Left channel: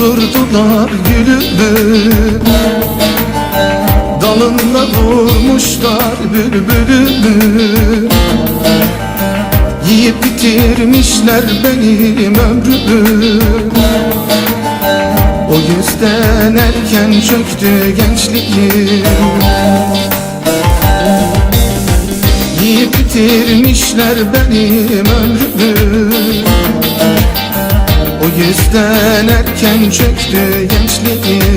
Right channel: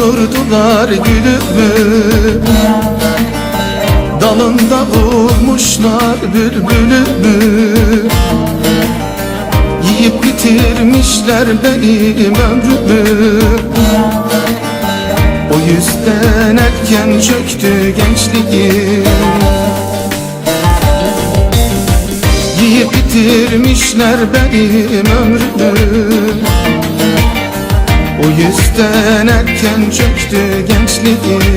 Doldurdular gülümü Dalında vurmuşlar bülbülümü Yiyip bitirmişler benim ömrümü O yüzden erken çöktü gençliğim Yiyip bitirmişler benim ömrümü gençliğim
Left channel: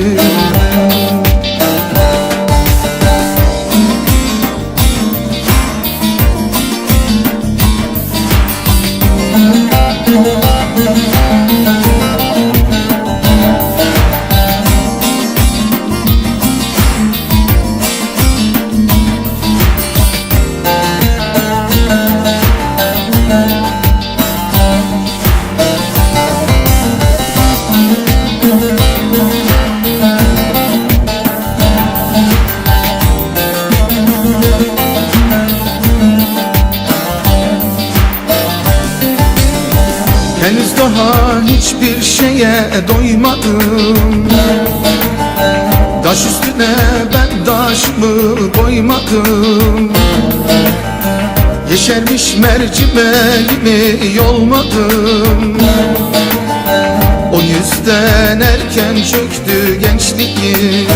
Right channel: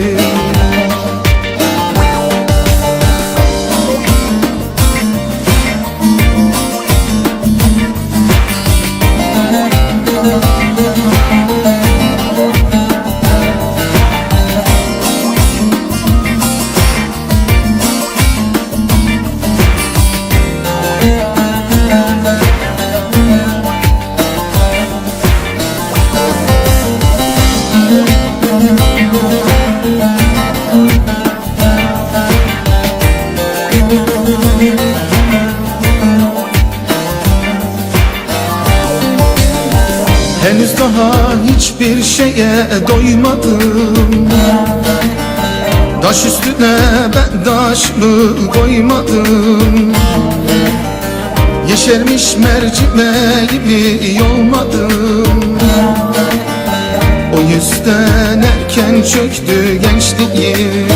hiçbir şeye doymadım Taş üstüne ben taşımı koymadım. Yeşermiş mercimeğimi yolmadım O yüzden erken çöktü gençliğim.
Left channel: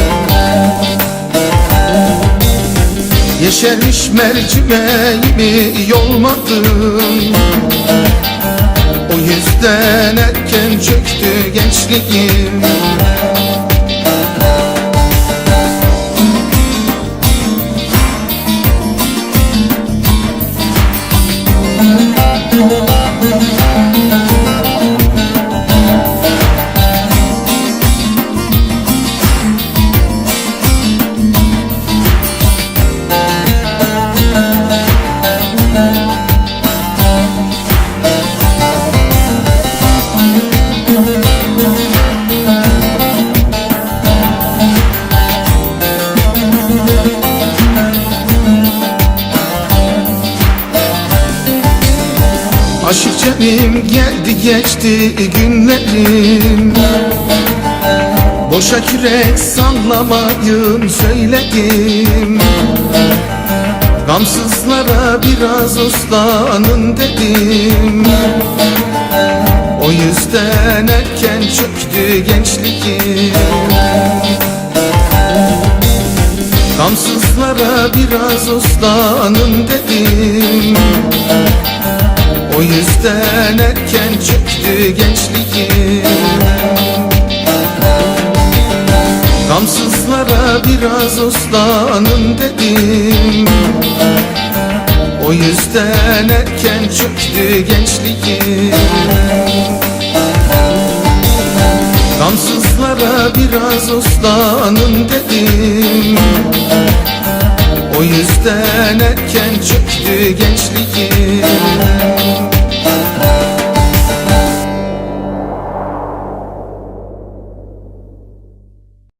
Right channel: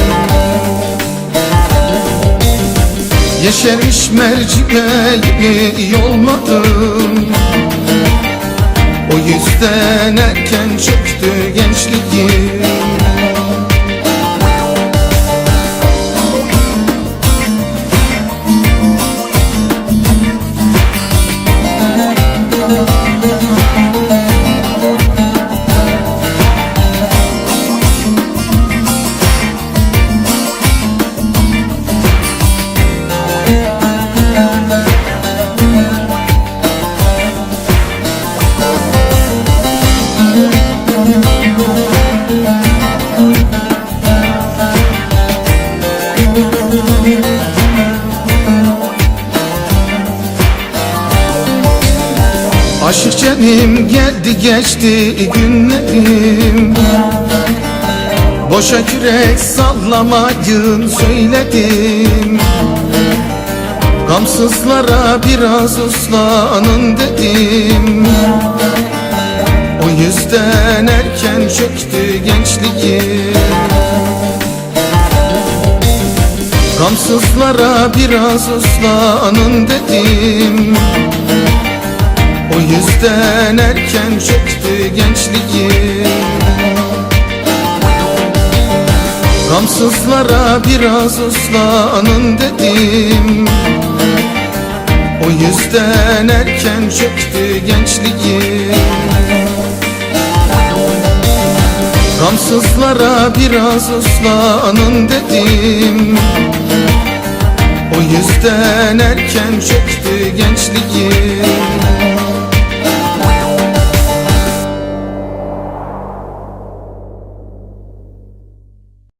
Yeşermiş mercimeğimi yolmadım gençliğim günlerim Boşa yürek sallamayın söyledim. Gamsızlara biraz uslanın dedim. O yüzden erken çöktü gençliğim. Gamsızlara biraz uslanın dedim Gamsızlara biraz uslanın dedim. O yüzden erken çöktü gençliğim. Gamsızlara biraz uslanın dedim